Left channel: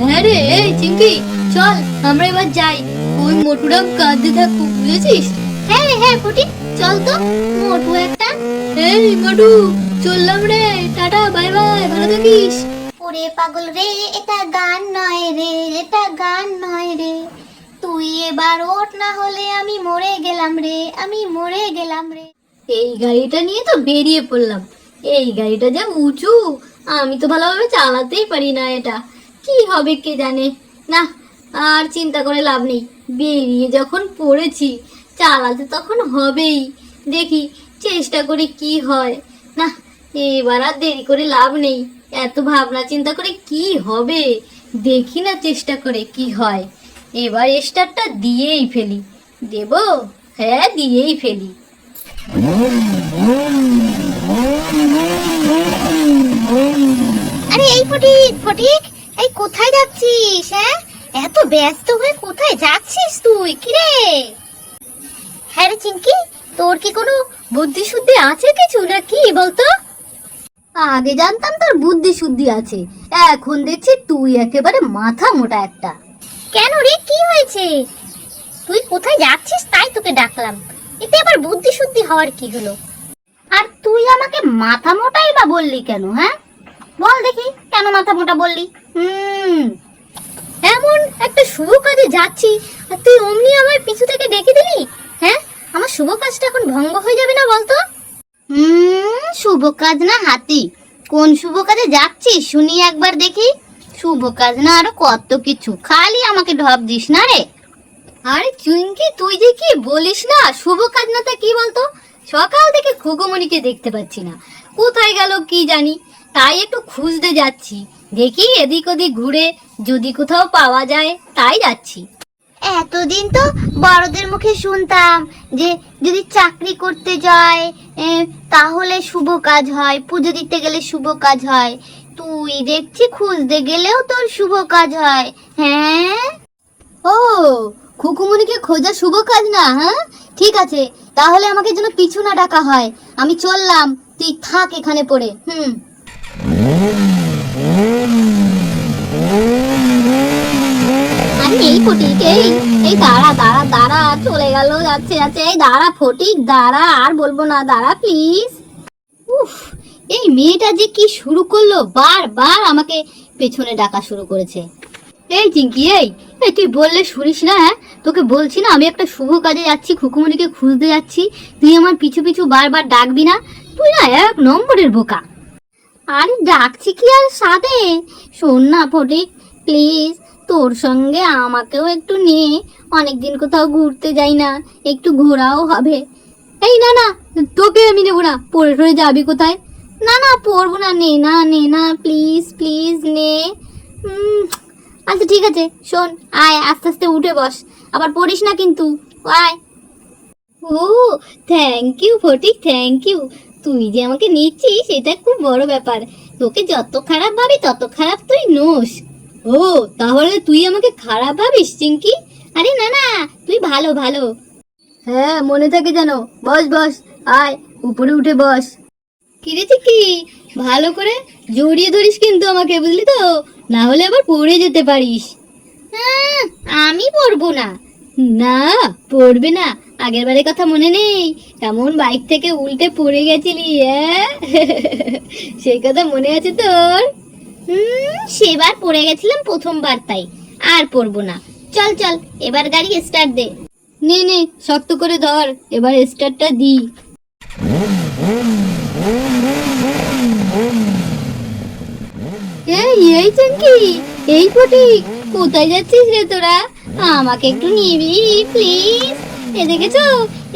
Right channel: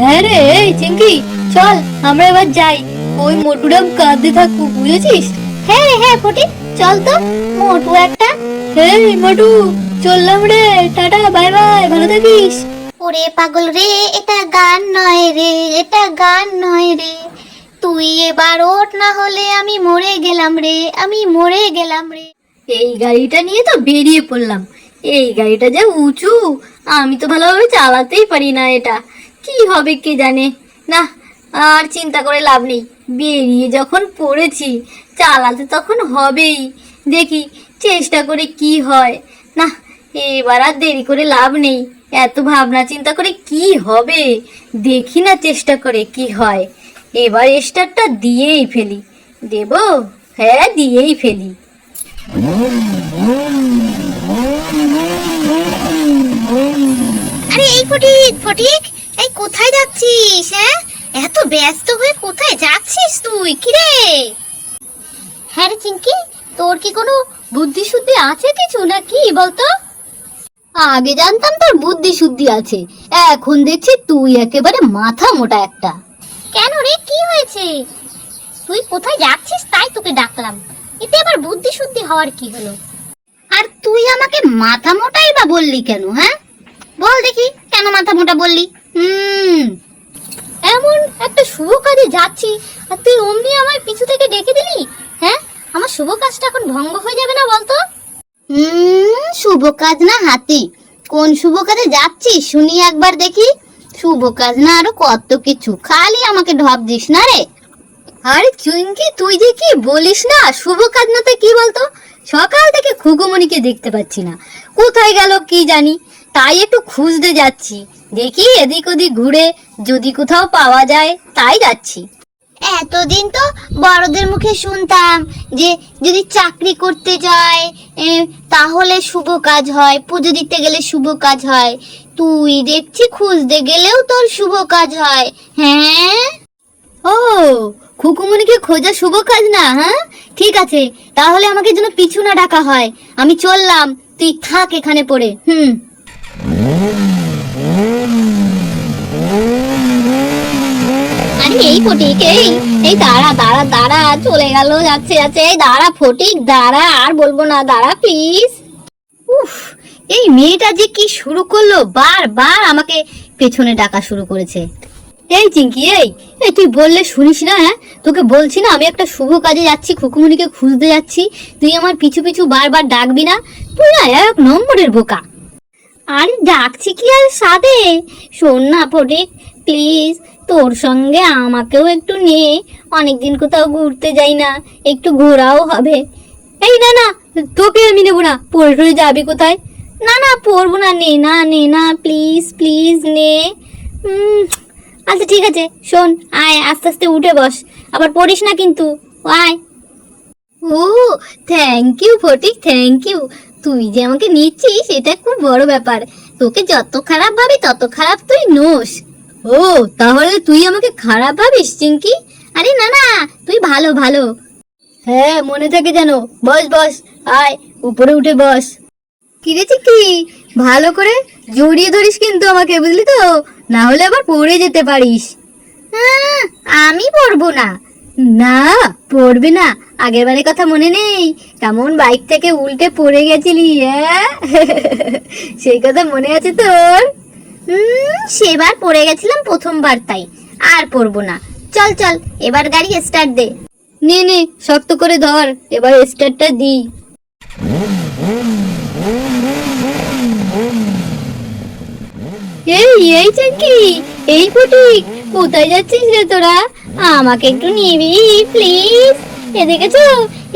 হ্যাঁ রে চিঙ্কি চল আমরা এবার যাই। ওই মোটুরাম কাঁদতে থাকুক বুঝেছিস? হ্যাঁ রে হ্যাঁ ফটি চল তো। মোটু একটা। মোটু চললাম রে। টাটা বাই বাই ভালো থাকিস। ওরে পাগল রে এটা গান নয় রে এটা গান নয় রে। তুই এবার ওঠ না হলে আমি মরে গেলাম রে আমি মরে গেলাম রে। এই গাড়িটা নিয়ে তো বেরিয়ে পড়লাম। এই গাড়িটা যা উঁচু আমি তো ভালোভাবে চালাতেই পারি না এটা। কি হবে কে জানে? না, আর চিন্তা করে লাভ নেই। বেরিয়ে যখন পড়েছি, চালাতে তখন হবেই। দেখি, চেষ্টা করে কি হয়। না, এবার আর দেরি করে লাভ নেই। এত ভাবনা চিন্তা করে কি হবে? দেখি না চেষ্টা করে কি হয়। এবার স্টারটা দিয়েই ফেলি। দেবো? হ্যাঁ দিয়েই ফেলি। আরে, এই ফটিক ফটিক! এই, কোথায় যাচ্ছিস হ্যাঁ? এত ব্যস্ত হয়ে কোথায় যাচ্ছিস তুই? কিরে হ্যাঁ রে চিঙ্কি, তোর কি কোনো বুদ্ধি শুদ্ধি আছে কিছু না কি বলতো? আগে জানতাম তোর বুদ্ধি শুদ্ধি আছে, এখন দেখছি তুই একেবারে মাথা মোটা একটা। কেন রে, কি হয়েছে? তুই কোথায় যাচ্ছিস তাই তোকে ডাকলাম, এতে আবার বুদ্ধি শুদ্ধি হওয়ার কি হলো? আর তুই আমাকে মাথা মোটাই বা বললি কেন হ্যাঁ? বল দেখি, কেন মাথা মোটা বললি? হুম। এমন একটা শুভ কাজে যাচ্ছি আর তুই অমনি আমার পিছু থেকে ডেকে দিলি? হ্যাঁ? আমার শুভ কাজটা এখন ভঙ্গ হয়ে যাবে না বলতো? হুম শুভ কাজ না হাতি। কোন শুভ কাজে যাচ্ছিস শুনি একবার দেখি। শুভ কাজ না আরও কত কিছু। খালি আমাকে ঢপ দিস না রে। আরে চুইঙ্কি তুই যে কি বলিস না? শুভ কাজ না তো কি বলতো? সকাল থেকে খুকুমণিকে দেখতে পাচ্ছি না। কোথায় গেল কি জানি? তাই একটু খুঁজতে যাচ্ছি। দেখি এদিক ওদিক ঘুরে যদি কোথাও পাওয়া যায় তাই যাচ্ছি। এতদিন তো বড়দের মুখে শুনতাম যে যদি চাকরি করতে যায় তাহলে শুভ কাজ হয় পুজো দিতে গেলে শুভ কাজ হয়। তুই দেখছি খুঁজতে গেলেও তোর শুভ কাজ হয় হ্যাঁ? ও খুকুমণিকে খোঁজা শুভ কাজ না হ্যাঁ? ঠিক আছে তাহলে আমাকে যেন পিছু না ডাকা হয়। আমি চললাম তুই থাক এখানে পড়ে হুম আরে এই ফটিক। এই এই দাঁড়া দাঁড়া দাঁড়া, চলে গেল, যাচ্ছে যাচ্ছে। এই দাঁড়া, ফটিক, দাঁড়া, আর বলব না, দাঁড়া প্লিজ উফ, এই মেয়েটা যে কি শুরু করল? বারবার আমাকে পেছনে ডাকা শুরু করেছে। এই চিঙ্কি এই এই তুই বললে শুনিস না হ্যাঁ? তোকে বলছি না, আমি একটা শুভ কাজে যাচ্ছি, খুকুমণিকে খুঁজতে যাচ্ছি। তুই আমার পিছু পিছু বারবার ডাকবি না? তুই না এক নম্বরের বোকা। আরে ডাকছি কি আর সাদে শোন না, ফটিক প্লিজ, তোর সঙ্গে আমাকেও একটু নিয়ে অনেকদিন কোথাও ঘুরতে যাই না, একটু ঘোরাও হবে। এই, না না তোকে আমি নেব না। পড়ে যাবি কোথায়? না না পড়ব না, নে না নে, না, প্লিজ প্লিজ, নে। আচ্ছা ঠিক আছে, শোন, আয়, আস্তে আস্তে উঠে বস। আবার পড়িস না কিন্তু, আয়। ও thank you Phatik thank you তুই যে আমাকে নিচ্ছিস, এটা খুব বড় ব্যাপার। তোকে যত খারাপ ভাবি, তত খারাপ তুই নোস। ও, তাহলে তুই আমাকে খারাপ ভাবিস চিঙ্কি আরে না না, তুই ভালো ভালো। হ্যাঁ মনে থাকে যেন। বস বস, আয়, উপরে উঠে বস। কিরেছি কি ভালো করে জড়িয়ে ধরিস কিন্তু আমাকে, বুঝলি তো? না হলে আবার পড়ে যেতে পারিস। আমি পড়ব না। না, পড়বে না। আগের বারের কথা মনে নেই। কেমন বাইক থেকে উল্টে পড়ে গেছিলি হ্যাঁ সেই কথা মনে আছে তোর? সেবার পড়ে গেছিলাম প্রথমবার তাই আর পড়ব না। চল চল এবার গাড়ি স্টার্ট দে। নে নে শক্ত করে ধর এবার স্টার্টটা দি। এই এই চাকি এই ফটিক কোথায় যাচ্ছিস রে তোরা? আমাকে একটু নিবি প্লিজ এ দেখেছ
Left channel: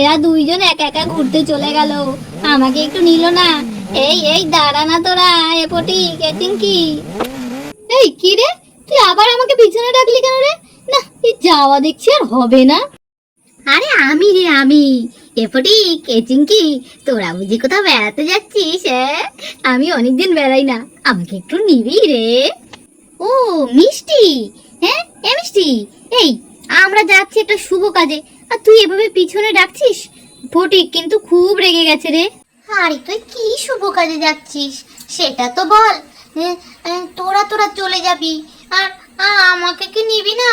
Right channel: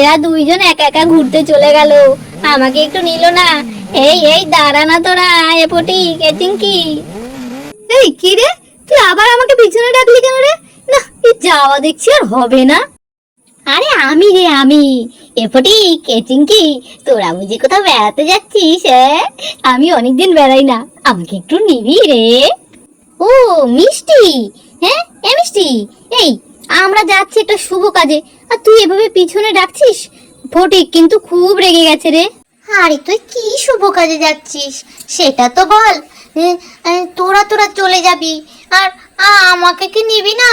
এরা দুইজন একা একা ঘুরতে চলে গেল। আমাকে একটু নিল না। এই এই, দাঁড়া না তোরা এ ফটিক এ চিঙ্কি এই, কি রে? তুই আবার আমাকে পিছনে ডাকলি কেন রে? না, এই যাওয়া দেখছি আর হবে না। আরে আমি রে, আমি। এপটি কে? চিঙ্কি তোরা বুঝি কোথাও বেড়াতে যাচ্ছিস আমি অনেকদিন বেড়াই না। আমাকে একটু নিবি রে। ও, মিষ্টি। হ্যাঁ এ মিষ্টি। এই, আমরা যাচ্ছি একটা শুভ কাজে। আর তুই এভাবে পিছনে ডাকছিস? ফটিক কিন্তু খুব রেগে গেছে রে। আরে, তুই কি শুভ কাজে যাচ্ছিস? সেটা তো বল। তোরা তোরা চলে যাবি। আর আমাকে কি নিবি না?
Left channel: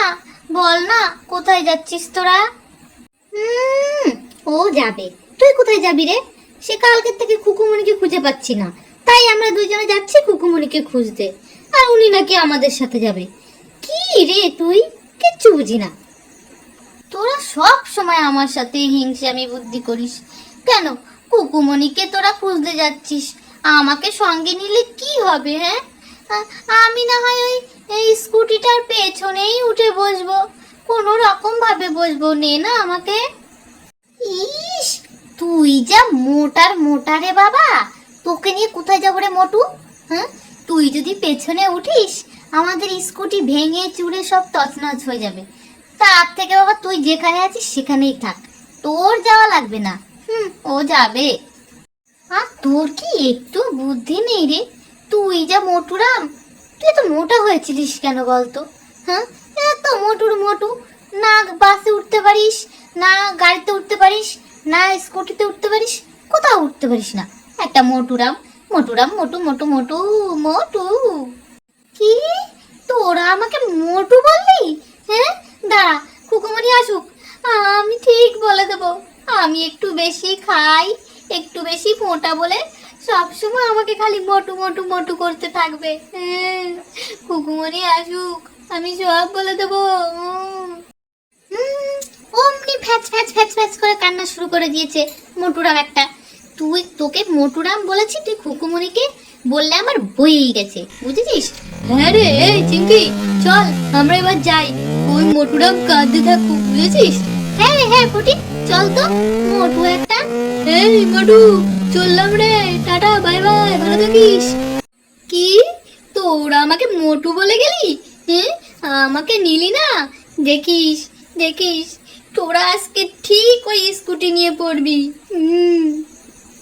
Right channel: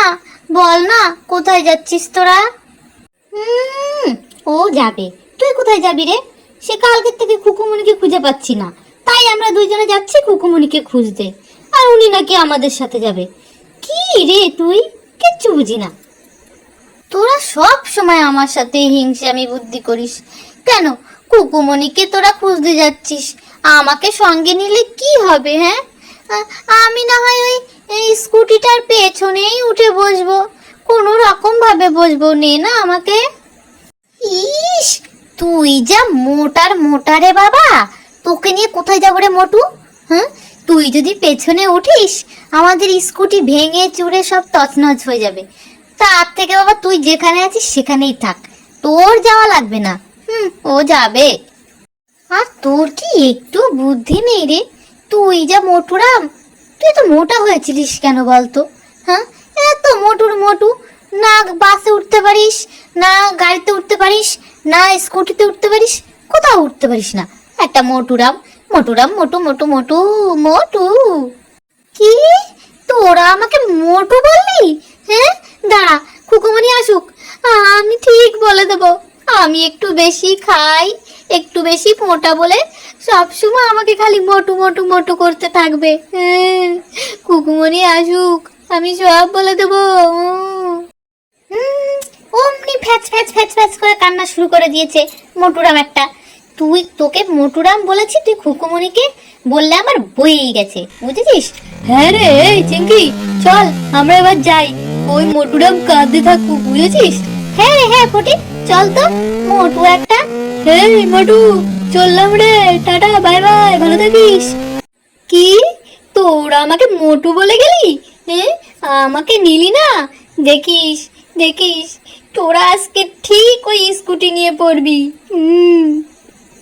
বল না, কোথায় যাচ্ছিস তোরা? ও যাবে। তুই কোথায় যাবি রে? সে কালকের থেকে কুকুমনিকে খুঁজে পাচ্ছি না। তাই আমরা দুইজনে যাচ্ছি কুকুমনিকে খুঁজতে। আর উনি নাকি আমাদের সাথে যাবে। কি রে তুই? কিচ্ছু বুঝি না। তোরা সব সময় আমার সাথে হিংসে হিংসামি বুদ্ধি করিস। কেন? কুকুমণিকে তোরা খুঁজতে যাচ্ছিস? আমাকে সঙ্গে নিলে কি হবে হ্যাঁ? আমি না হয় ওই স্কুটিটার পেছনেই উঠে বসবো। কোনো রকম ভাবে বসবো, নে না আমাকে। ইস, তুই যা মোটার মোটারে বাবা। তোকে নিয়ে কোথায় যাব রে মোটু? হ্যাঁ? তুই যদি পেছনে উঠিস, আমাদের স্কুটি ভেঙে চুরে সব তছনছ হয়ে যাবে। তার থেকে বাবা তুই যেখানে আছিস সেখানেই থাক। তোর যাওয়া লাগবে না। হুম ও যাবে। আর তোর কি একটু বুদ্ধি নেই রে? তুই যা মোটুরাম, তুই তো মোটা হয়েছিলিস কেন বলতো? হ্যাঁ? এত মোটুর মোটু, না বাসে উঠতে পারিস, না গাড়িতে উঠতে পারিস, না স্কুটিতে উঠতে পারিস, কোথাও উঠতে পারিস না। একটা মোটুরাম মোটুরাম, মোটু মোটু মোটু মোটু। কি? তোরা আমাকে মোটু বললি? হ্যাঁ? দাঁড়া কুকুমনি আসুক। আমি ঠিক বলে দেবো। আমি একটু বেশি খাই, একটু বেশি মোটা বলে সবসময় আমাকে খালি মোটু মোটু মোটু করতে থাকবে। হ্যাঁ কুকুমনি আসুক, আমি সব বলে দেবো। অমনি ফ্যাচ ফ্যাচ ফ্যাচ ফ্যাচ করে কান্না শুরু করে দিয়েছে মোটুরাম একটা। তুই তোকে মোটুরাম বলেছি, তুই খুকুমনিকে বললে আমার বইই গেছে, বুঝেছিস? হ্যাঁ রে চিঙ্কি চল, আমরা এবার যাই। ওই মোটুরাম কাঁদতে থাকুক, বুঝেছিস? হ্যাঁ হ্যাঁ ফটিক। চল তো, মোটু একটা। এই মোটু, চললাম রে। টাটা, বাই বাই, ভালো থাকিস। কি? তোরা আমাকে মোটু বলে গেলি? আমাকে নিলি না? দেখিস দেখিস, তোরা আজকে ঠিক ওই স্কুটি নিয়ে পড়বি। হুম,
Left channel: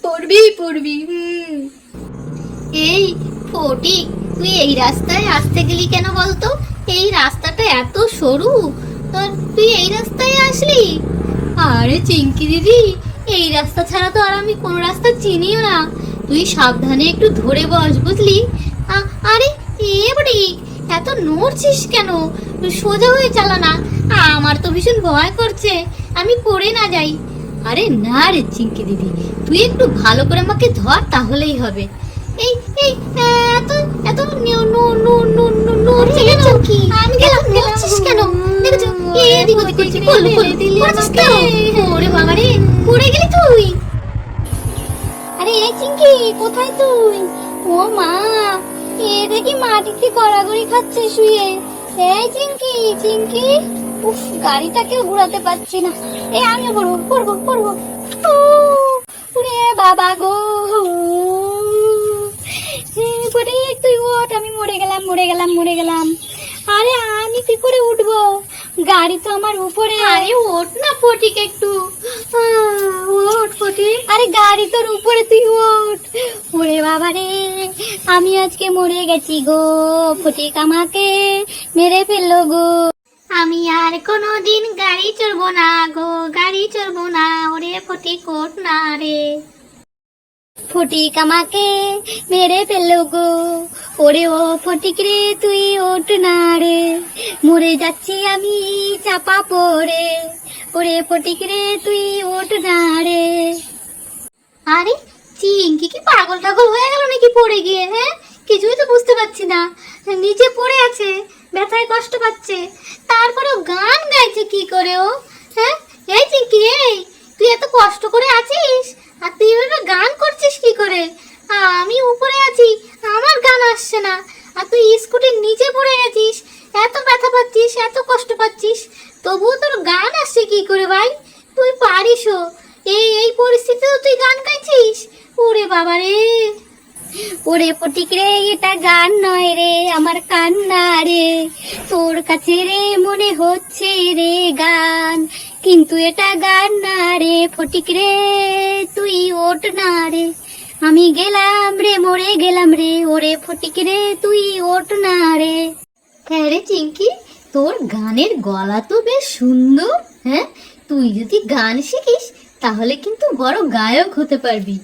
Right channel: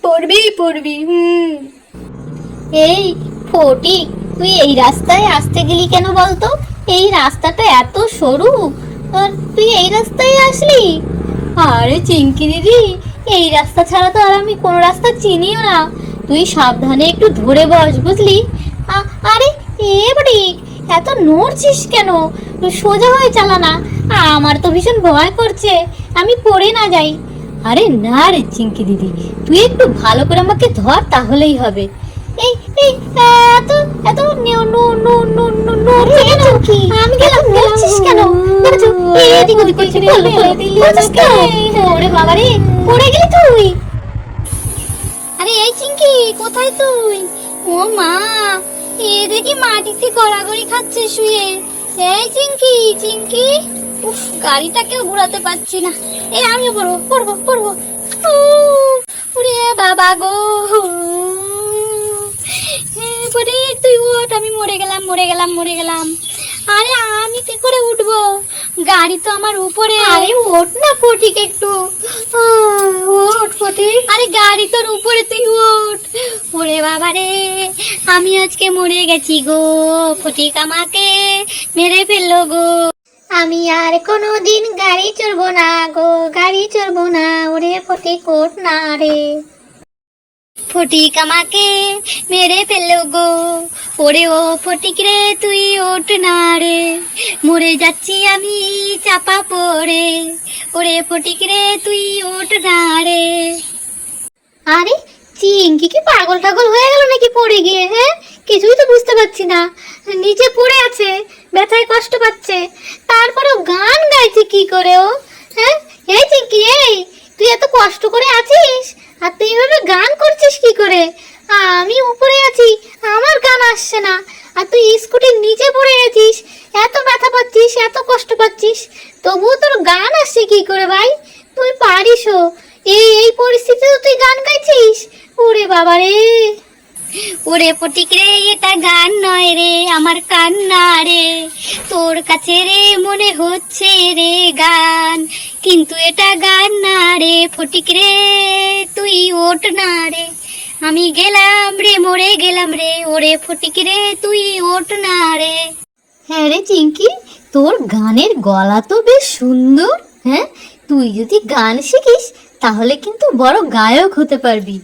পড়বি পড়বি এই ফটিক তুই এই রাস্তায় আসতে গেলি কেন বলতো? এই রাস্তাটা এত সরু, আর তুই এই রাস্তায় আসলি? আরে চিঙ্কি দিদি, এই রাস্তা ছাড়া তো আর আমি কোনো রাস্তা চিনিও না। তুই সাবধানে একটু ধরে বস বুঝলি? আরে এত নড়ছিস কেন? সোজা হয়ে চালা না। আমার তো ভীষণ ভয় করছে। আমি পড়ে না যাই। আরে না রে চিঙ্কি দিদি, তুই একটু ভালো করে আমাকে ধর তাহলেই হবে। এই এই, এত এত নু- নু- তুই আরে এই চিঙ্কি কোথায় তুই ও মা এ দেখি মাটিতে গড়াগড়ি খাচ্ছে শুয়ে এই চিঙ্কি চিঙ্কি গাড়িটাকেও ঘোরাতে পারছি না এ আমি পড়ব পড়ব পড়ব ওরে বাবা গো পড়ে তুই ওঠ আমি মরে গেলাম মরে গেলাম মরে গেলাম। আরে আমি কি করে উঠবো? গাড়ি তো আমার উপরে। আরে ওঠ না ফটিক একটু। ওঠ ফটিক। আরে গাড়ি তোর উপরে তুই ওঠ। ওরে বাবা রে আমি আজকে মরে গেছি গো। ফটিক আমাকে মেরে ফেলল গো। আমি আর কোনোদিন গাড়ি চড়বো না গো গাড়ি চড়বো না। ওরে ফটিক ওঠ না রে। ফটিক আমাকে মেরে ফেলল গো। ওরে ও ফটিক রে, তুই ওঠ না রে। মরে যাচ্ছি আমি চাপা পড়ে। ওরে ফটিক রে, তুই ওঠ না রে। আরে চিঙ্কি কি পাগল ঠাগল হয়ে গেল নাকি পড়ে গিয়ে হ্যাঁ? কিছুই তো বুঝতে পারছি না। নিচে পড়ে আছে, ব্যথায় কষ্ট পাচ্ছে। তারপরেও গান গাইছে কি করে ও হ্যাঁ? এই চিঙ্কি, এই, তুই এত কষ্ট করে আছিস? করছিস কি করে? আমি উপরে আছি, আমার গান আসছে না। আর তুই স্কুটির নিচে পড়ে আছিস, এত ব্যথা পাচ্ছিস, এত কষ্ট পাচ্ছিস, তবুও তোর গান আসছে কি করে ভাই? তুই পারিসও এই এই পরিস্থিতিতেও তুই গান গাইছিস? ওরে বাবা রে। ওরে পটিক রে, এটা গান নয় রে, আমার কান্না রে। তোর কাছে রে মনে হচ্ছে রে। কিন্তু এটা গান না রে, ফটিক রে, তুই ওঠ না রে। আমি গেলাম রে, মরে গেলাম রে, ওরে ফটিক রে, তুই ওঠ না রে। হ্যাঁ রে চিঙ্কি, তোর গানের গলা তো বেশ সুন্দর হ্যাঁ? তুই যদি গান শিখিস, তাহলে কিন্তু বড় গায়ক হতে পারবি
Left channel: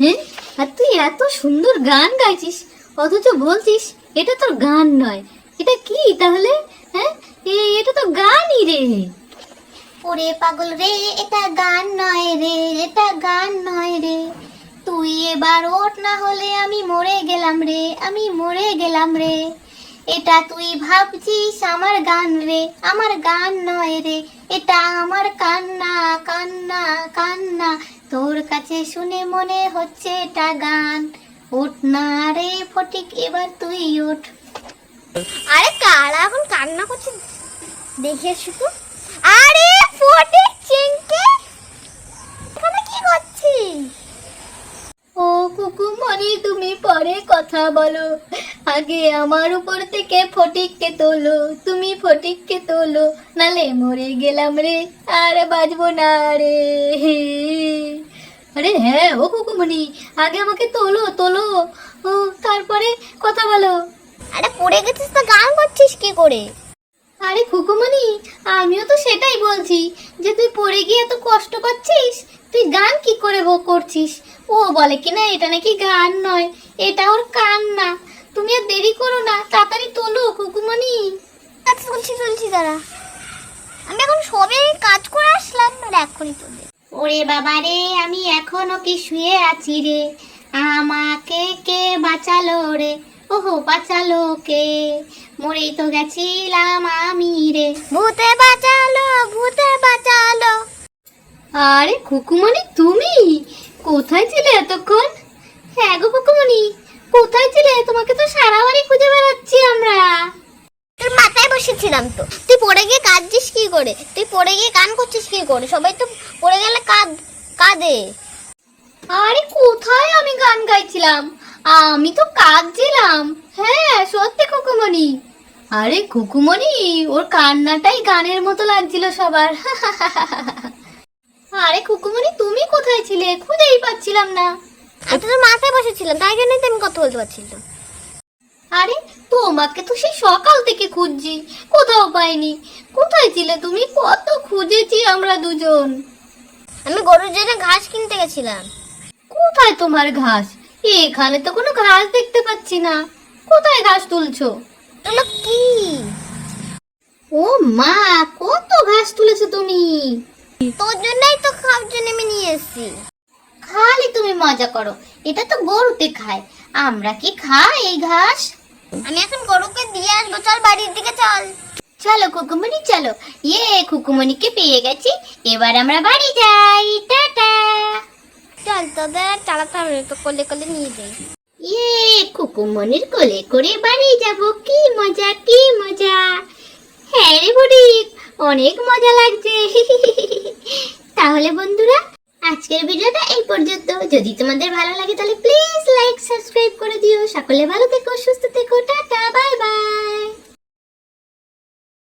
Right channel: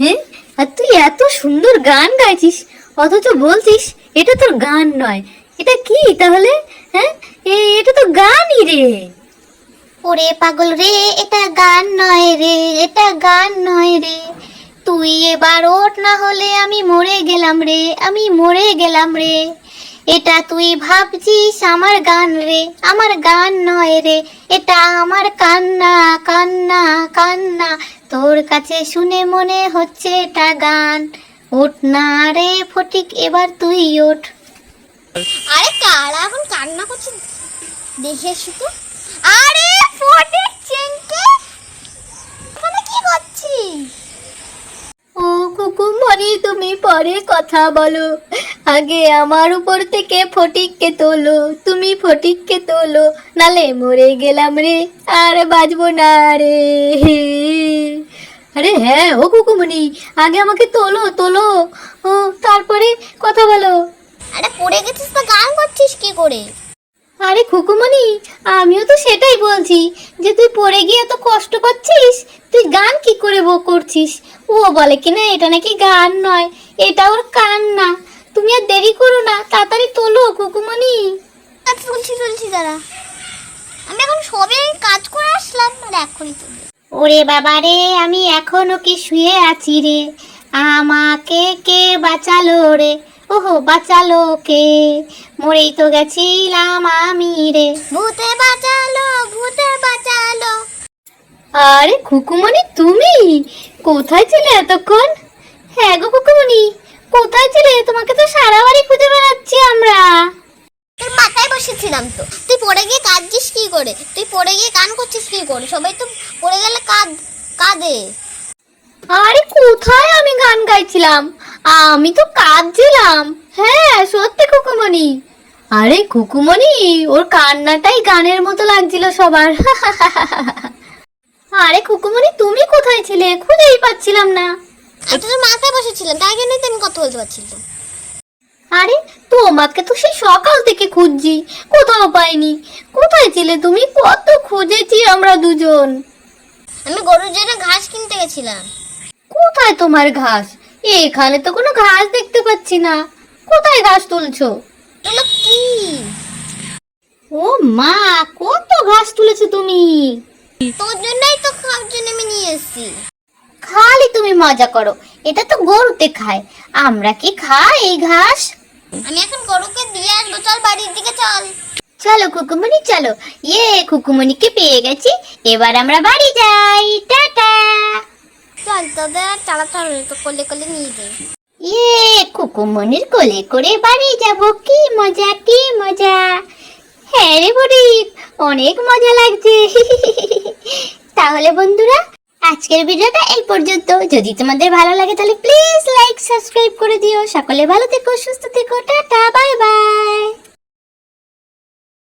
হ্যাঁ? আর তুই এত সুন্দর গান গাইছিস, অথচ বলছিস, এটা তোর গান নয়। এটা কি তাহলে হ্যাঁ? এটা তো গানই রে। ওরে পাগল রে, এটা গান নয় রে, এটা গান নয় রে। তুই এবার ওঠ না হলে আমি মরে গেলাম রে, আমি মরে গেলাম রে। এটা তুই ভাবছিস আমার গান রে, আমার গান নয় রে, এটা আমার কান্না কান্না কান্না। তোর কাছে শুনে মনে হচ্ছে এটা গান। ওঠ না রে ফটিক, এবার তুই ওঠ। আরে কারা এখন কান্না করছে? দেখে শুধু আরে ফটিক চিংকে এখানে কি করছিস? ও কুকুমনি তুমি পরে কথা বলো। আগে আমার উপর থেকে ফটিককে তোলো। তুমি ফটিককে তোলো। নালে মরে গেলাম রে আর বাজবো না রে। আরে হ্যাঁ ও কুকুমনি আগে আমাকে তোলো তোলো। ও তারপরে কথা বলো। আরে পড়ে গেছিস তো গান করছিস কি করে? আরে খুকুমনি আমিও তো সেটাই বলছি যে তুই পড়ে গিয়ে এত কষ্ট করছিস তুই গান কি করে করছিস? ও বলে কি না এটা নাকি গান নয় এটা ওর কান্না। তুমি আর দেরি করো না তাড়াতাড়ি তোলো কুকুমনি আচ্ছা শুনছি শুনছি দাঁড়া আমি এখন সবে কাজ করে আসলাম আর এখনই তুলবে ওরে বাবা রে আমি এখনও কি শুয়ে আছি রে? আমাকে কে বাঁচালো রে? ওহো বাঁচালো কে মরেই তো গেছিলাম আমি রে। ভূতে বাঁচালো ভূতে বাঁচালো। আরে খুকুমনি তুমি? কোথায় ছিলে এতক্ষণ? হ্যাঁ গো খুকুমনি কোথায় ছিলে? তোমাকে তো সারা বাড়ি খুঁজে বেড়াচ্ছি আমরা। তোর মাথায় বসেছিলাম তো। তুই পড়ে গিয়ে কাঁদছিস কি করে? তুই পড়ে গিয়ে কান করছিস কি করে? সবাই তো পড়ে গেলে কাঁদ কাঁদে। আরে কোথায় আমি গান গাইছিলাম? আমি তো কাঁদছিলাম। হ্যাঁ সত্যি খুকুমনি আরে খুকুমনি ওর কান্নাটাই গানের মতো লাগছিল সবার। আরে খুকুমনি তুমি কোথায় ছিলে? খুঁজেই পাচ্ছিলাম না। আমি তো মাথায় বসেছিলাম তাই জন্যই তো আমি কথা বলতে পারছিলাম আরে তোমাকে তো সেই সকাল থেকে খুঁজছি কোথাও পাইনি। কোথায় ছিলে তুমি? কত খুঁজেছি আমরা দুজন। আমি গরুর জন্য ঘাস কিনতে গেছিলাম। কোথায় তোমার ঘাস? এখানে তো কোনো ঘাস দেখতে পাচ্ছি না। কোথায় ঘাস তুলছো? কি? ও মা, কত ঘাস তুলেছো তুমি? তোর জন্যই তো খাওয়ার জন্য আমি নিয়ে এসেছি। খালি তুমি মজা করো, এটা তো গরুতে খায়। আমরা কি খাই এই ঘাস? আমি এখন গরুকে দিয়ে আসব, চল বাড়ির দিকে চল। চলো খুকুমনি চলো। ইয়ে খুকুমনিকে পেয়ে গেছি। এবার আমরা বাড়ি যাই। চল তোদের চালাতে তো কোলে কোলে নিয়ে যাই ইয়ে খুকুমনির কোলে করে বাড়ি যাব। কি মজা কি মজা। হ্যাঁ রে বুড়ি, অনেক মজা লাগছে। তাহলে বন্ধুরা, আজকের ভিডিওটা এই পর্যন্ত। যদি তোমাদের ভালো লাগে, তাহলে প্লিজ লাইক সাবস্ক্রাইব করে দিও। সকলে ভালো থেকো, সুস্থ থেকো, টাটা বাই বাই